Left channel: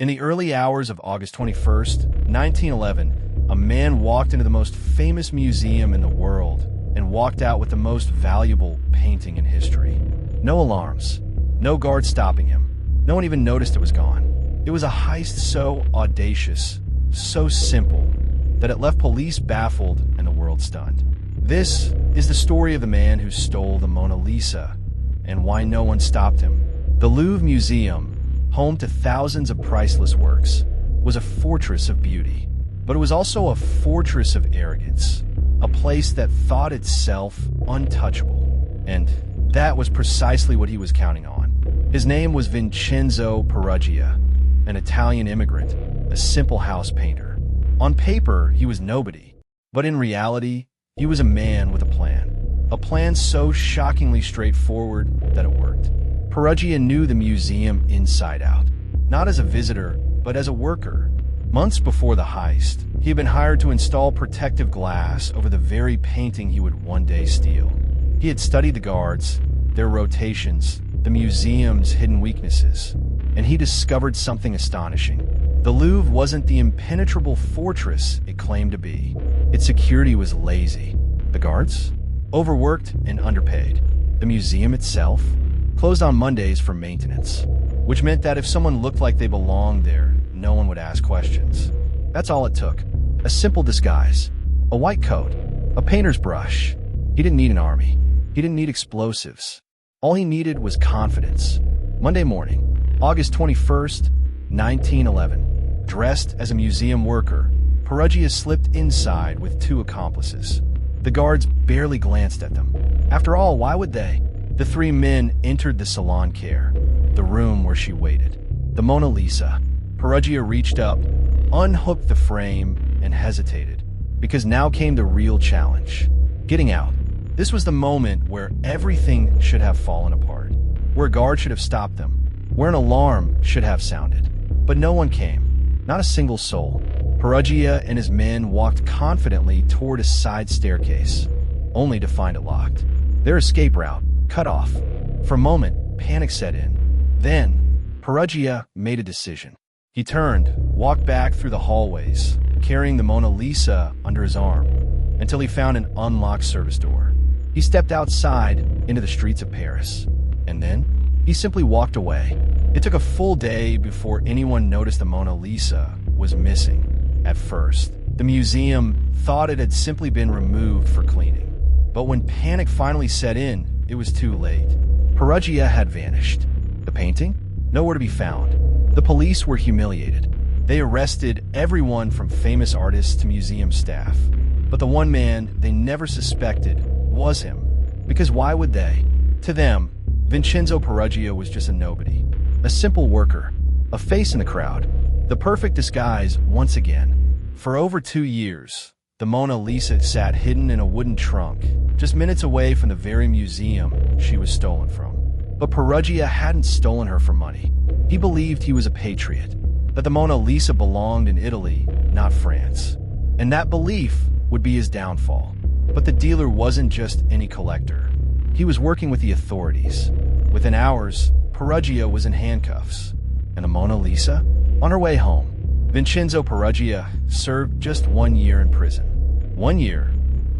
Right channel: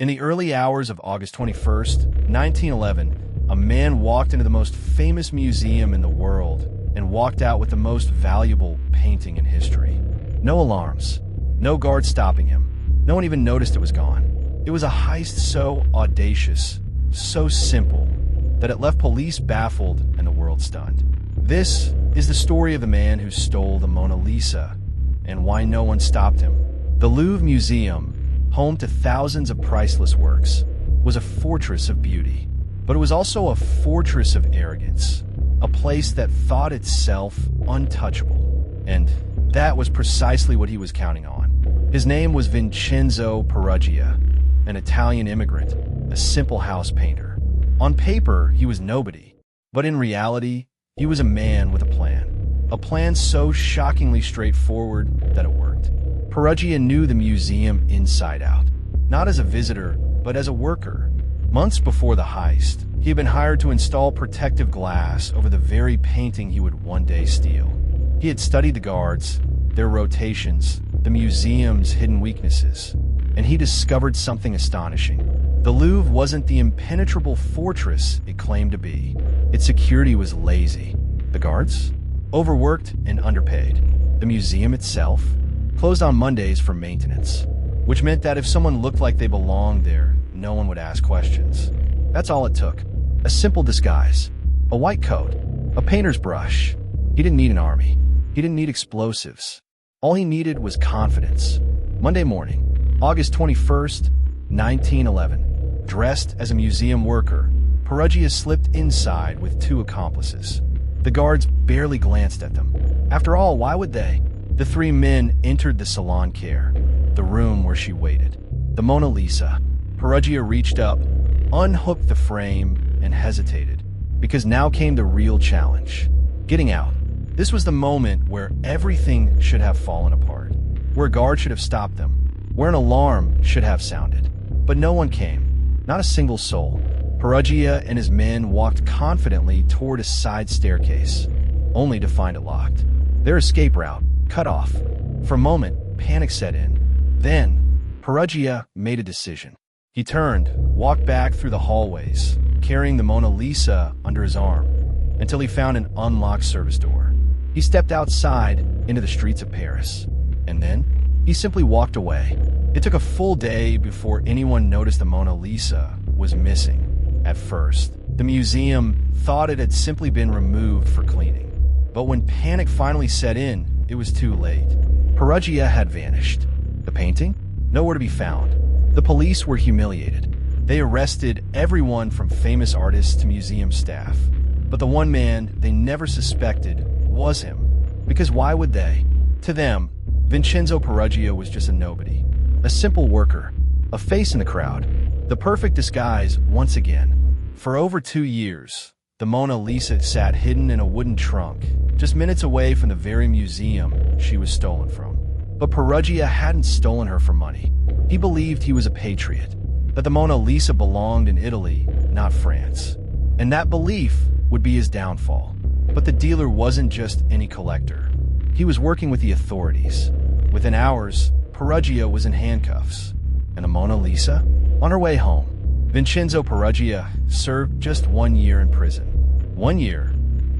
In the early hours of August 21st, 1911, a man walked into the most famous museum in the world and walked out with the most valuable painting in history. No alarms, no guards stopping him. No one even noticed it was gone. It was a heist so audacious, so simple, that it left police baffled and the world stunned. This is the story of the man who stole the Mona Lisa and why no one stopped him. The Louvre Museum, home to thousands of priceless works, was a fortress of beauty, but it was also a fortress of arrogance, a place that thought itself untouchable. And that was precisely what he was counting on. His name was Vincenzo Peruggia, an Italian immigrant, a simple house painter. On paper, he was nobody, but in reality, he was a man with a plan so shockingly straightforward that it worked. Peruggia knew the museum inside out, not as a visitor, but as a worker. Months before the heist, he had been hired to install protective glass over the very painting he would one day steal. He had studied the guards, their rotations, the museum's hidden weaknesses, and he discovered something astonishing. The Louvre wasn't the impenetrable fortress it claimed to be. Its security was lazy. The guards? Overworked and underpaid. The museum itself? Closed on Mondays for maintenance, which meant that if someone looked like they belonged there, no one would ask questions. That's all it took. A simple disguise. A white coat. A painter's brush. He didn't need an army. He didn't need explosives. All he needed was confidence. Monday morning, August 21st, 1911. Dressed as a museum worker, Peruggia slipped inside with two accomplices. The guards barely glanced at them. After all, why would they? The three men entered the salon care, the room where she waited. The Mona Lisa. Peruggia reached up, unhooked the frame, and hesitated, because now came the real challenge. Getting out. This was the moment where everything should have fallen apart, where a guard should have stopped them, where an alarm should have sounded. But no one came, not a single soul. Peruggia and his men walked confidently toward a side staircase, only to find it locked. Their escape route cut off. For a moment, panic set in. Then, Peruggia made a decision. He turned, walked back through the hallways, carrying the Mona Lisa under his arm, until he found an unlocked service door. He stepped outside into the streets of Paris, and then he simply walked away. It took a full day before anyone noticed the Mona Lisa was missing. At first, the museum thought it had simply been removed for cleaning. But when panic finally set in, it was too late. Peruggia had vanished. The painting? Nowhere to be found. The police were humiliated. They arrested everyone from famous artists to museum staff. But the one man they never suspected was him. Because why would they? To them, Vincenzo Peruggia was just a nobody. A simple worker. A face in the crowd. The perfect disguise once again. For over 2 years, the Mona Lisa sat hidden in a wooden trunk, just minutes away from the very museum she was stolen from. But Peruggia hadn't stolen her for money. He believed he was a patriot, that the Mona Lisa belonged in Italy, not France. And that belief would be his downfall. But the dealer wasn't just any collector. He was working with the authorities. Within hours, Peruggia was in handcuffs. And the Mona Lisa? On her way home. Vincenzo Peruggia served just 1 year in prison. 1 year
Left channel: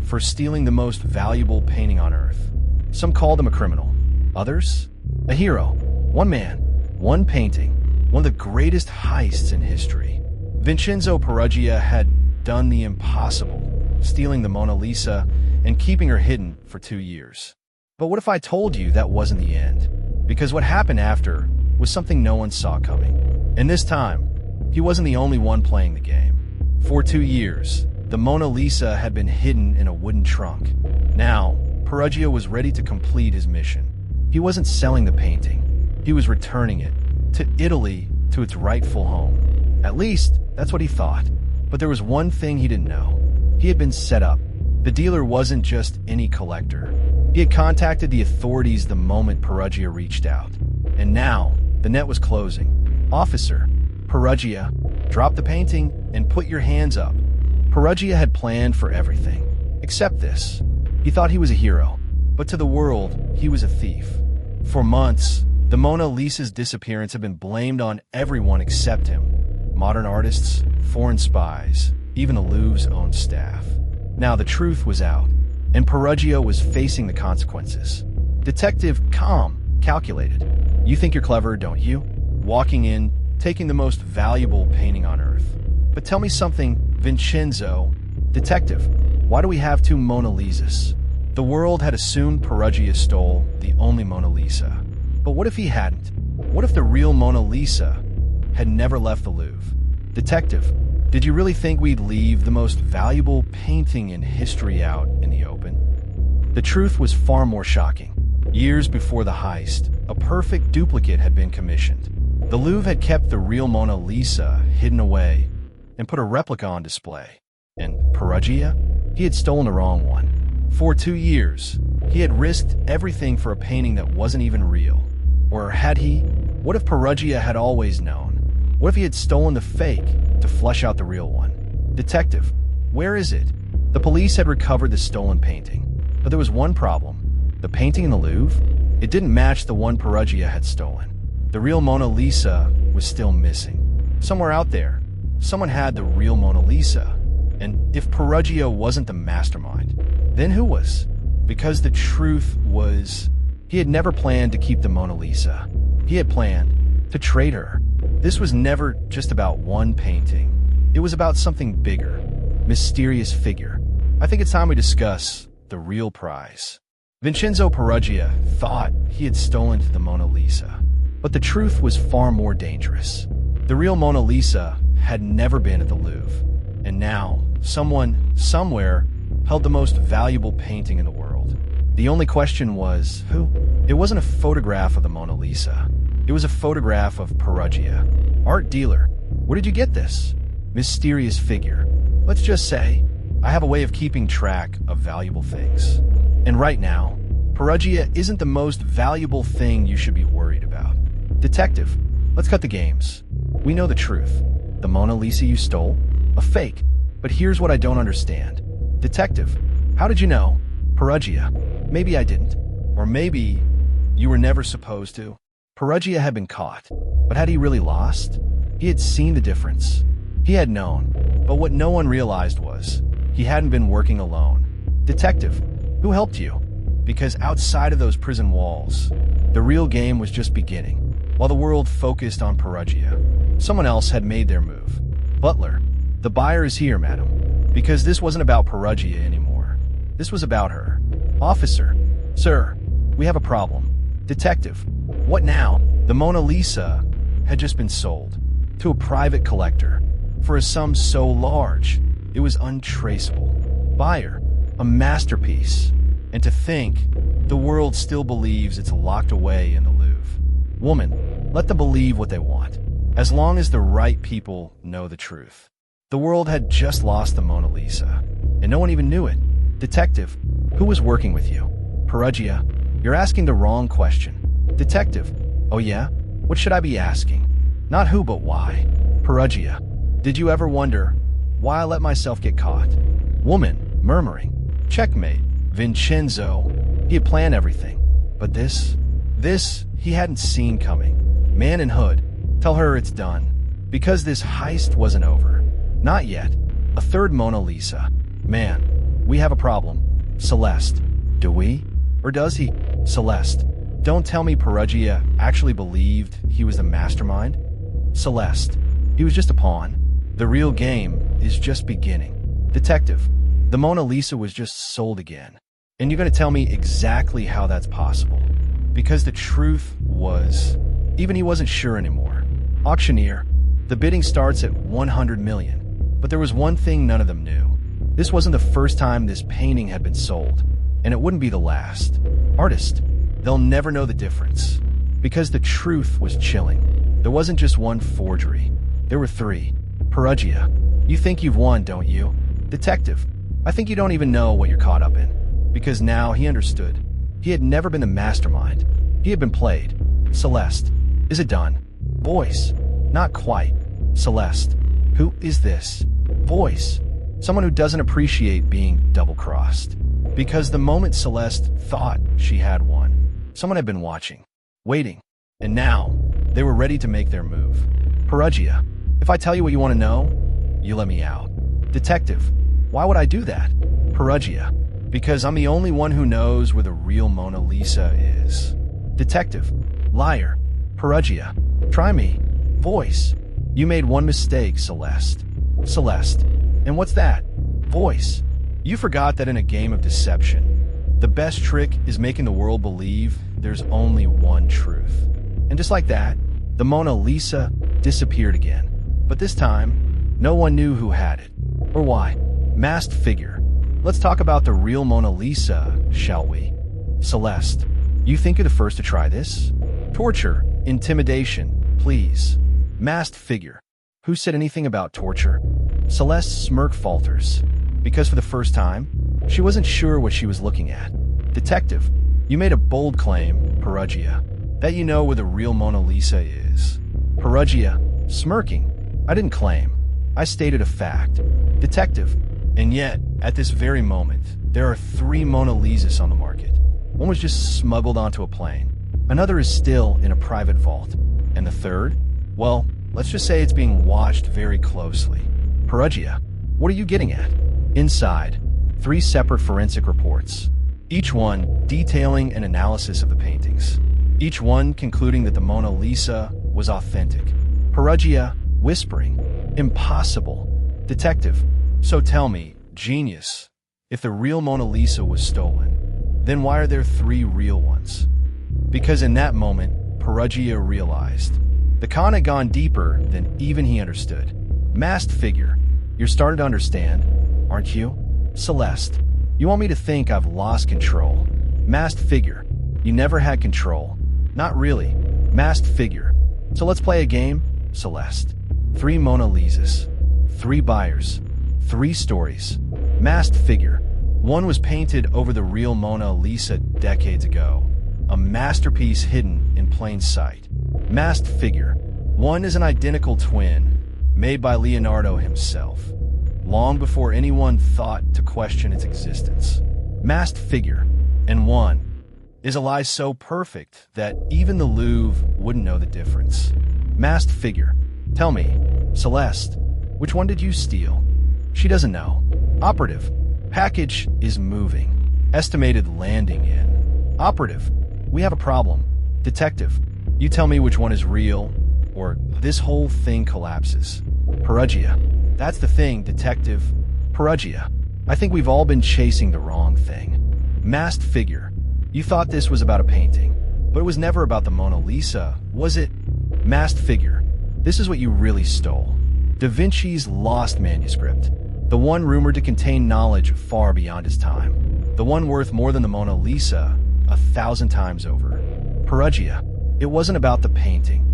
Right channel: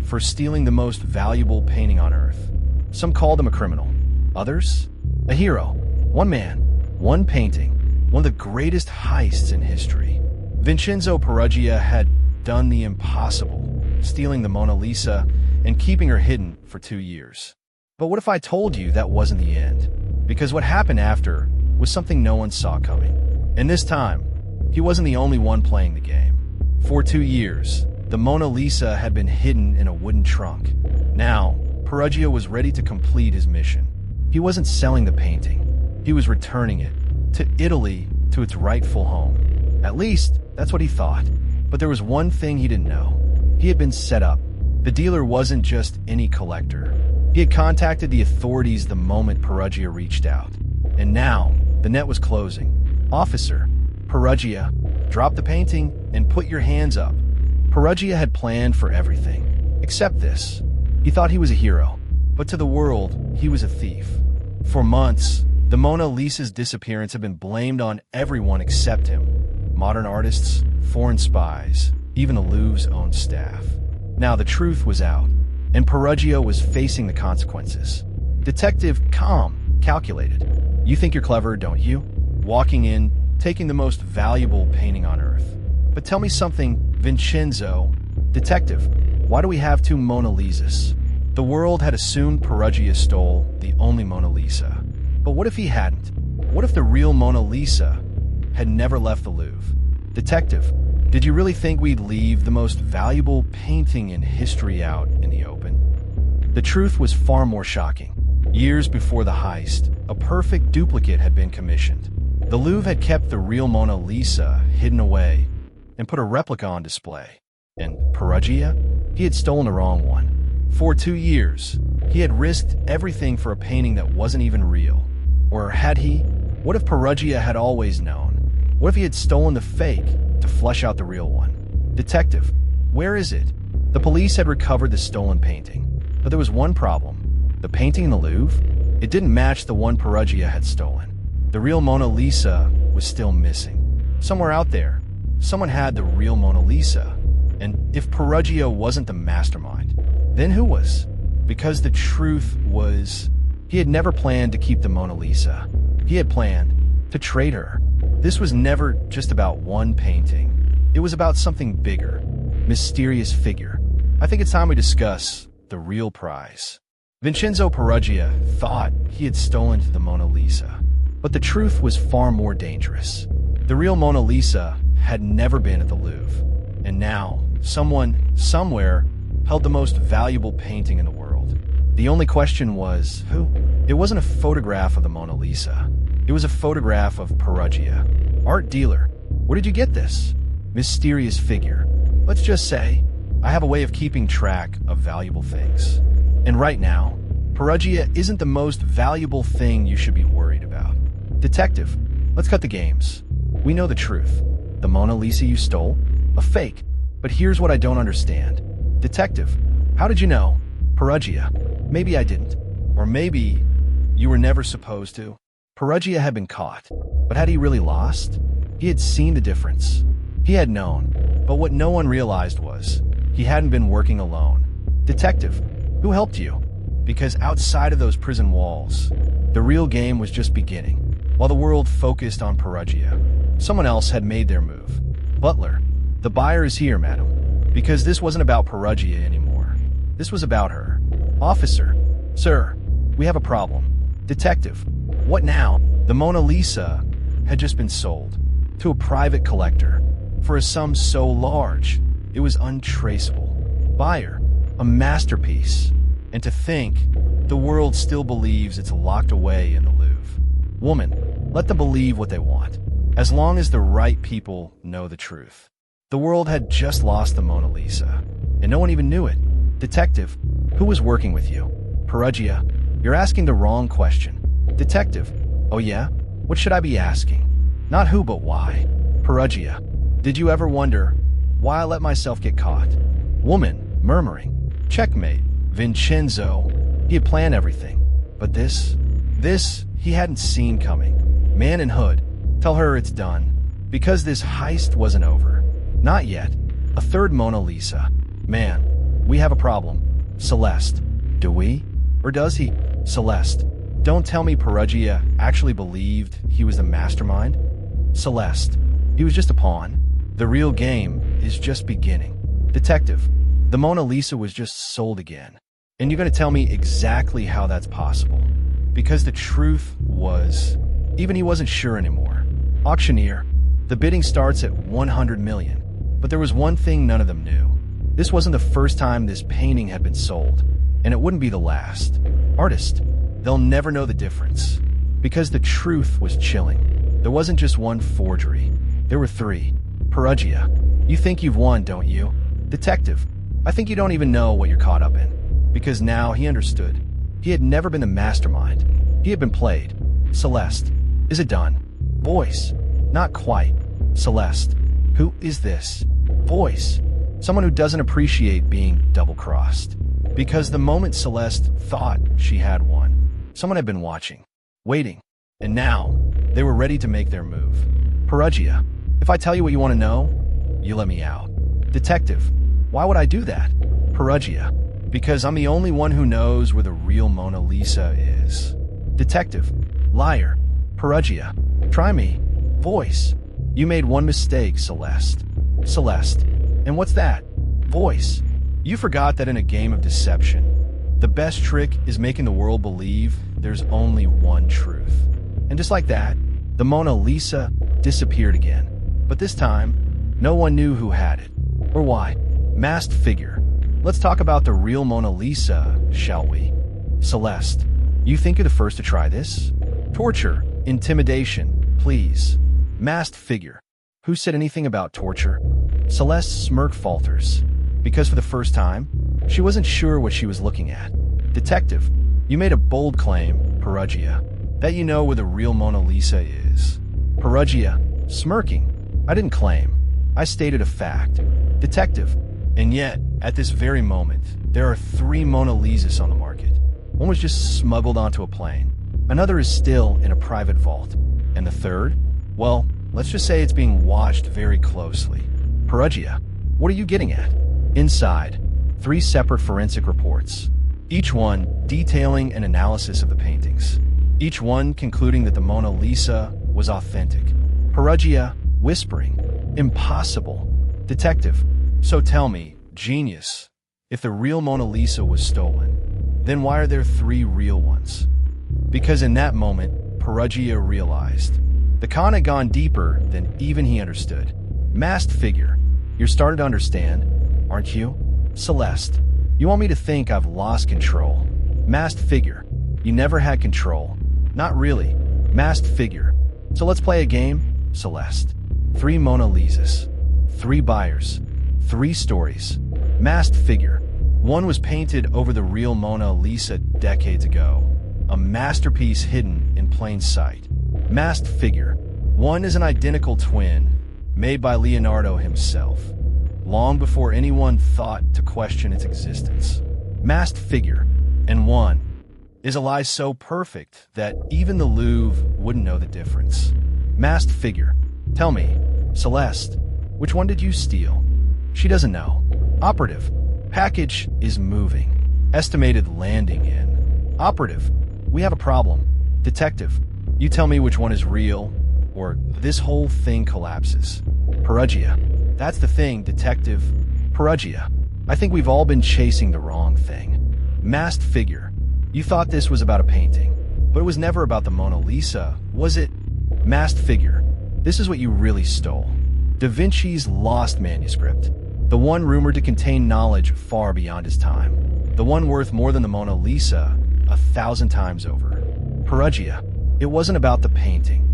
for stealing the most valuable painting on earth. Some called him a criminal. Others, a hero. One man, one painting, one of the greatest heists in history. Vincenzo Peruggia had done the impossible, stealing the Mona Lisa and keeping her hidden for 2 years. But what if I told you that wasn't the end? Because what happened after was something no one saw coming. And this time, he wasn't the only one playing the game. For 2 years, the Mona Lisa had been hidden in a wooden trunk. Now, Peruggia was ready to complete his mission. He wasn't selling the painting. He was returning it to Italy, to its rightful home. At least, that's what he thought. But there was one thing he didn't know. He had been set up. The dealer wasn't just any collector. He had contacted the authorities the moment Peruggia reached out. And now, the net was closing. Officer, Peruggia, drop the painting and put your hands up. Peruggia had planned for everything, except this. He thought he was a hero, but to the world, he was a thief. For months, The Mona Lisa's disappearance had been blamed on everyone except him. Modern artists, foreign spies, even the Louvre's own staff. Now the truth was out, and Peruggia was facing the consequences. Detective, calm, calculated. You think you're clever, don't you? Walking in, taking the most valuable painting on Earth. But tell me something, Vincenzo. Detective, why do we have two Mona Lisas? The world had assumed Peruggia stole the only Mona Lisa. But what if he hadn't? What if the real Mona Lisa had never left the Louvre? Detective, did you really think we'd leave the most valuable painting in history out in the open? The truth was far more shocking. Years before the heist, a perfect duplicate had been commissioned. The Louvre had kept the real Mona Lisa hidden away and put a replica on display. And Peruggia? He had stolen the wrong one. For 2 years, he had risked everything for a painting that wasn't even real. Or had he? What if Peruggia had always known? What if he had stolen the fake to flush out the real one? Detective, where is it? The police had recovered the stolen painting, but there was one problem. The painting in the Louvre? It didn't match the one Peruggia had stolen. The real Mona Lisa was still missing. Somewhere out there, someone had the real Mona Lisa. And if Peruggia wasn't the mastermind, then who was? Because the truth was, he had never planned to keep the Mona Lisa. He had planned to trade her. This was never just about one painting. It was about something bigger, mysterious figure. I think it's time we discuss the real prize. Vincenzo Peruggia thought he had stolen the Mona Lisa, but the truth was far more dangerous. The real Mona Lisa had never been at the Louvre, and now someone, somewhere, held the most valuable painting in the world. The only question was, who? It wasn't a photograph of the Mona Lisa. It was a photograph of Peruggia. Art dealer. Where did you get this? Mysterious figure. Let's just say, I have a way of keeping track of valuable things. And right now, Peruggia isn't the most valuable thing you should be worried about. Detective, let's cut the games. We know the truth. The Mona Lisa you stole? A fake. But here's what I don't understand. Detective, how did you know? Peruggia. Maybe I didn't. Or maybe you were never supposed to. Peruggia had been caught. But had he really lost? He had seen the difference. He had known. But what no one realized was, he hadn't been working alone. Detective, who helped you? Because outside of those prison walls, the real game was just beginning. While the world focused on Peruggia, someone else had made their move. Butler, the buyer is here, madam. Because this wasn't about Peruggia anymore. This was about her. Officer, sir, we have a problem. Detective, what now? The Mona Lisa had just been sold to a private collector for a sum so large it was untraceable. Buyer, a masterpiece. And to think, the world still believes it's locked away in the Louvre. Woman, let them believe what they want, as long as the right people know the truth. The world had just lost the Mona Lisa, and no one even knew it. Detective, who was working with you? Peruggia, you're asking the wrong question. Detective, oh yeah? What should I be asking? Not who, but why. Peruggia, did you ever wonder why I let myself get caught? Woman, murmuring, checkmate. Vincenzo, he had planned everything. But this he hadn't seen coming. Man in hood, tell her it's done. Because this heist wasn't over. Not yet. A third Mona Lisa. Man, we have a problem. Celeste. Do we? Or does he? Celeste. Don't tell me Peruggia actually believed he was the mastermind. Celeste. He was just a pawn. The real game is just beginning. Detective, the Mona Lisa was just sold again. And you're going to tell me exactly how that's possible. Because the truth was, even he wasn't sure anymore. Auctioneer, the bidding starts at 100 million. But there was one thing none of them knew. This wasn't the first time this painting had been sold. And it wouldn't be the last. Artist, they'll never know the difference. Because the truth was chilling. There wasn't just one forgery. There were 3. Peruggia, you think you've won, don't you? Detective, I think you don't even know what you're caught up in. Because now he understood. He had never been the mastermind. He had been played. Celeste, is it done? Voice, not quite. Celeste, who is this? Voice, someone who doesn't appreciate being double-crossed. Because the moment Celeste thought she had won, someone had been watching, waiting. And now, they were ready to make their move. Perugia, if I tell you what you want to know, you let me out. Detective, why would I do that? Perugia, because I'm the only one who knows where the real Mona Lisa is. Detective, liar. Perugia, try me. Voice, you made one mistake, Celeste. Celeste, and what's that? Voice, you forgot that in a game of deception, the best trick is making the world believe there's only one truth. And just like that, the Mona Lisa disappeared again. But this time, no one knew who had it, or why. Masked figure. Let's talk about the real Mona Lisa, shall we? Celeste, you think you're the first to try this? Torture, intimidation, please. Masked figure. Who said anything about torture? Celeste's smirk falters, because for the first time, she wasn't sure what she was looking at. Detective, you made a bold claim, Perugia, that you know where the real Mona Lisa is. Perugia, smirking. I didn't claim. I stated a fact. Detective, and yet, at this very moment, there are 3 Mona Lisas on the market. One was just smuggled onto a plane. Another is still in a private vault. And the third? Well, let's just say it's being watched very closely. Perugia, what are you getting at? Inside, 3 separate forensic reports, each one detailing an analysis of the paintings, each one concluding that the Mona Lisa was authentic. Perugia, whispering, impossible. Detective, so tell me, genius, if the real Mona Lisa was stolen, then why are there 3 real ones? Because in that moment, Perugia realized the con had gone deeper than even he understood. Masked figure, you're starting to understand, aren't you? Celeste, you want me to think I've lost control. Masked figure, you never had control. Not really. Masked figure. So let's play a game, Celeste. 3 Mona Lisas. 3 buyers. 3 stories. Masked figure. One was painted over the real Mona Lisa decades ago. A masterpiece hidden in plain sight. Masked figure. One is an identical twin, made by Leonardo himself, long before anyone thought to question its existence. Masked figure. And one is a lie so perfect that even the Louvre wouldn't know the difference. Masked figure. Tell me, Celeste, which one did you steal? She doesn't know. Operative. Package is moving. Estimated landing in. Operative. We have a problem. Detective. You tell me which one is real, or this whole thing collapses. Perugia. That's the thing, Detective. Perugia. I think we've all been chasing the wrong thing. Masked figure. You thought this was about a painting, but it was never about the Mona Lisa, was it? Masked figure. This is what you really stole. Da Vinci's lost manuscript. The one rumored to contain knowledge far beyond his time. The one worth more than the Mona Lisa 1,000 times over. Perugia. It wasn't about the painting.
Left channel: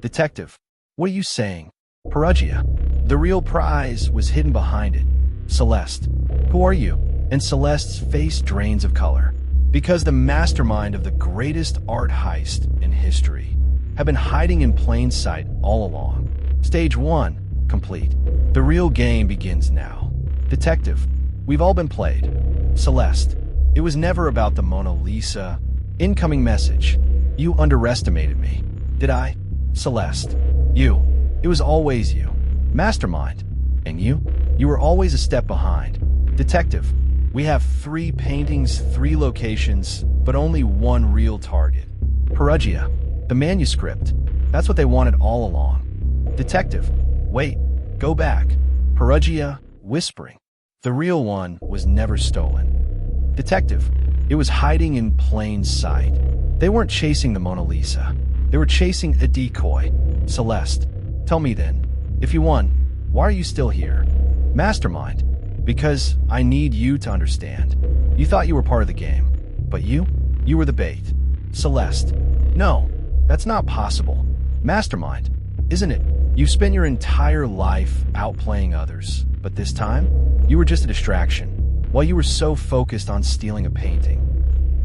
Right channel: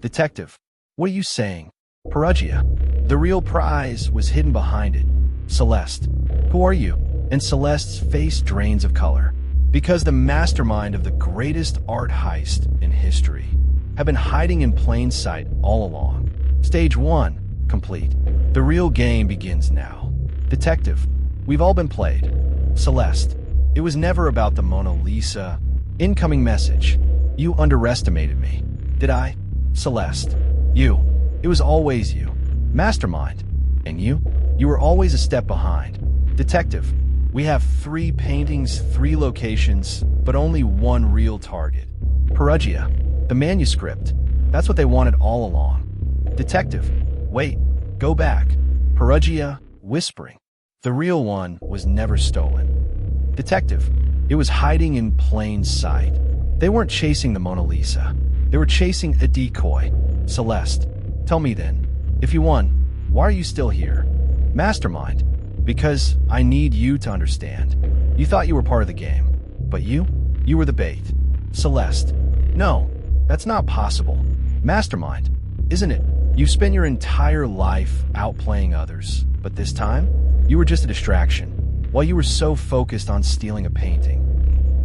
Detective. What are you saying? Perugia. The real prize was hidden behind it. Celeste. Who are you? And Celeste's face drains of color. Because the mastermind of the greatest art heist in history have been hiding in plain sight all along. Stage 1, complete. The real game begins now. Detective, we've all been played. Celeste, it was never about the Mona Lisa. Incoming message. You underestimated me. Did I? Celeste, you. It was always you. Mastermind. And you? You were always a step behind. Detective, we have 3 paintings, 3 locations, but only one real target. Perugia, the manuscript. That's what they wanted all along. Detective, wait, go back. Perugia, whispering. The real one was never stolen. Detective, it was hiding in plain sight. They weren't chasing the Mona Lisa. They were chasing a decoy. Celeste, tell me then, if you won, why are you still here? Mastermind, because I need you to understand. You thought you were part of the game, but you were the bait. Celeste, no, that's not possible. Mastermind, isn't it? You've spent your entire life outplaying others, but this time, you were just a distraction, while you were so focused on stealing a painting.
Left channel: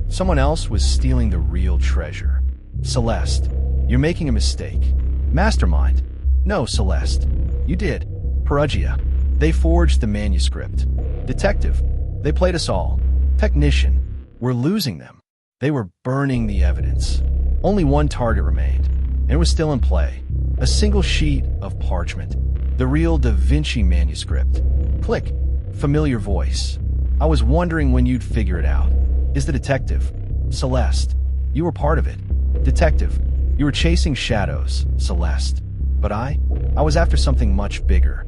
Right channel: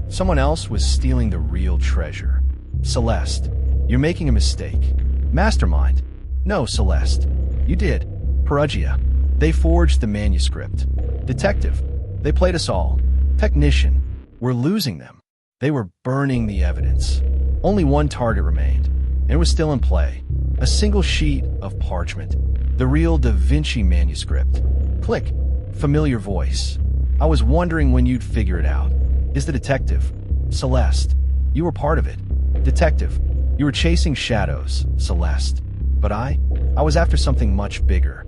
Someone else was stealing the real treasure. Celeste, you're making a mistake. Mastermind, no, Celeste, you did. Perugia, they forged the manuscript. Detective, they played us all. Technician, we're losing them. They were burning the evidence. Only one target remained, and it was still in play. A single sheet of parchment. The real Da Vinci manuscript. Click. Familiar voice. I was wondering when you'd figure it out. Is the detective. Celeste. You were part of it. Detective. You were chasing shadows, Celeste. But I was after something much bigger.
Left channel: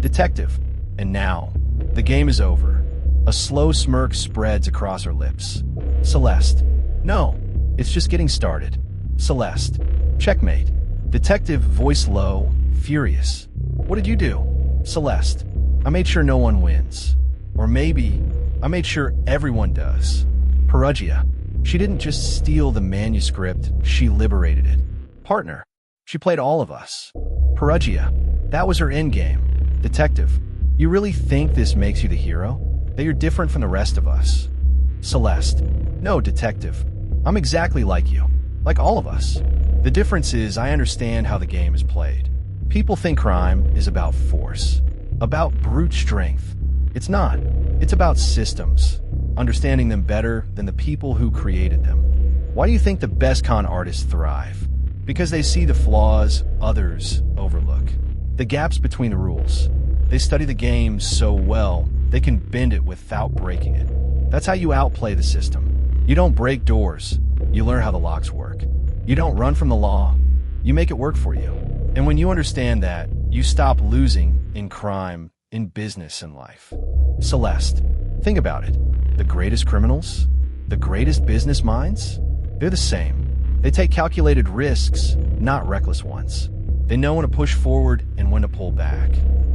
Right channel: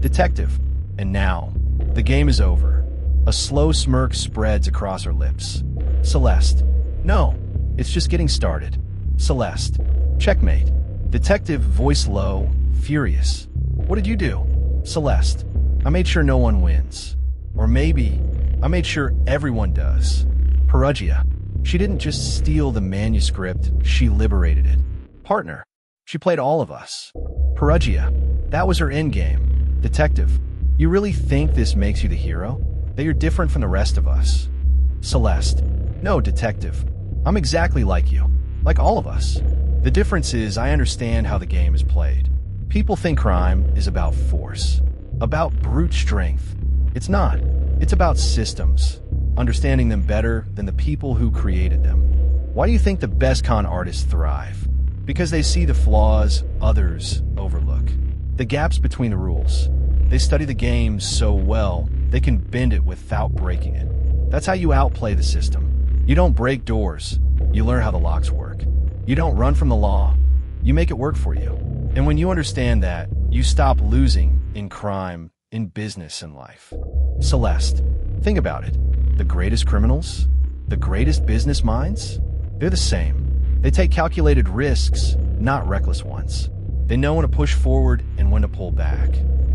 Detective. And now, the game is over. A slow smirk spreads across her lips. Celeste. No, it's just getting started. Celeste. Checkmate. Detective, voice low, furious. What did you do? Celeste. I made sure no one wins. Or maybe, I made sure everyone does. Perugia. She didn't just steal the manuscript, she liberated it. Partner. She played all of us. Perugia. That was her endgame. Detective. You really think this makes you the hero? That you're different from the rest of us? Celeste. No, Detective. I'm exactly like you. Like all of us. The difference is I understand how the game is played. People think crime is about force. About brute strength. It's not. It's about systems. Understanding them better than the people who created them. Why do you think the best con artists thrive? Because they see the flaws others overlook. The gaps between the rules. They study the game so well, they can bend it without breaking it. That's how you outplay the system. You don't break doors. You learn how the locks work. You don't run from the law. You make it work for you. And when you understand that, you stop losing in crime, in business, and life. Celeste, think about it. The greatest criminals, the greatest business minds, they're the same. They take calculated risks, not reckless ones. They know when to push forward and when to pull back.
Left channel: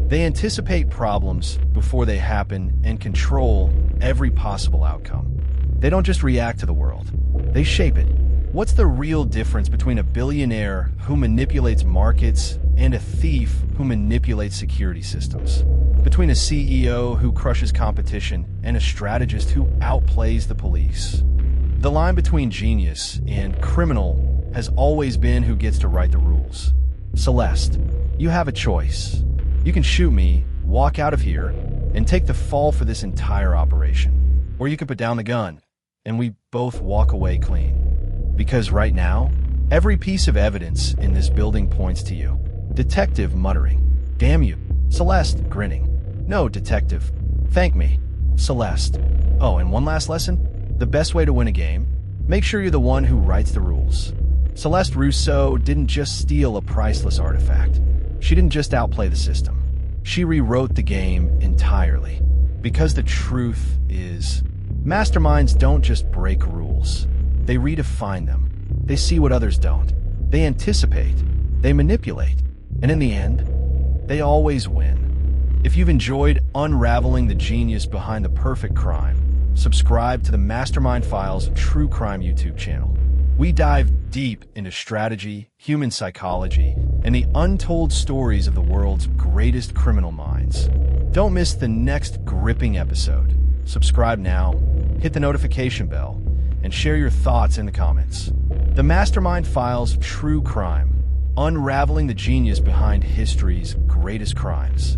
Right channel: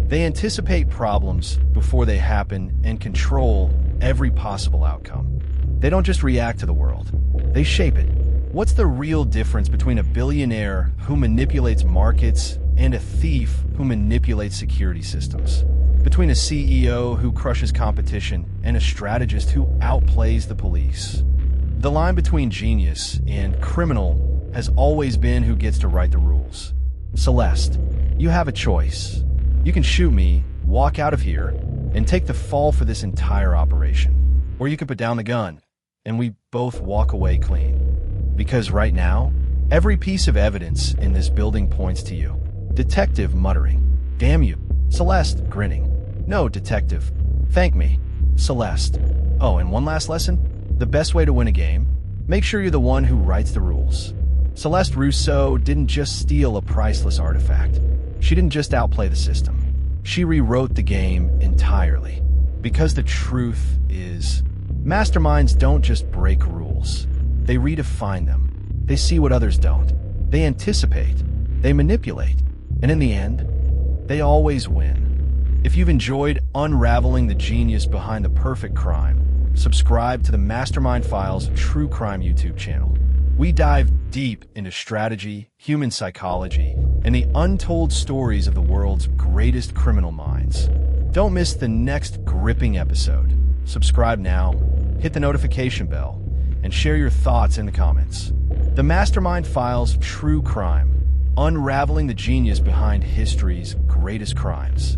They anticipate problems before they happen and control every possible outcome. They don't just react to the world. They shape it. What's the real difference between a billionaire who manipulates markets and a thief who manipulates security systems? Between a CEO who crushes competition and a strategist who outplays the police? The line between genius and criminal has always been who gets to write the rules. Celeste, you have a choice. You can shoot me, walk out of here, and take the fall for this entire operation. Or you can put down the gun, and we both walk away clean. Because right now, every piece of evidence in this building points to you. Detective muttering, "Damn you." Celeste grinning, "No, Detective. Thank me." Celeste. Oh, and one last lesson. The best way to win a game, make sure you're the one who writes the rules. Celeste Rousseau didn't just steal a priceless artifact. She didn't just outplay the system. She rewrote the game entirely. Because the truth is, masterminds don't just break rules. They redefine them. They see what others don't. They anticipate. They manipulate. And in the end, they always win. If you've enjoyed unraveling the genius behind the perfect crime, subscribe to the Mastermind Files True Crime YouTube channel. We dive deep into strategy, human psychology, and the untold stories of the world's greatest criminal minds. Don't miss the next gripping episode. Subscribe now, hit the notification bell, and share your thoughts in the comments. The Mastermind Files True Crime, unraveling the genius behind history's greatest crimes.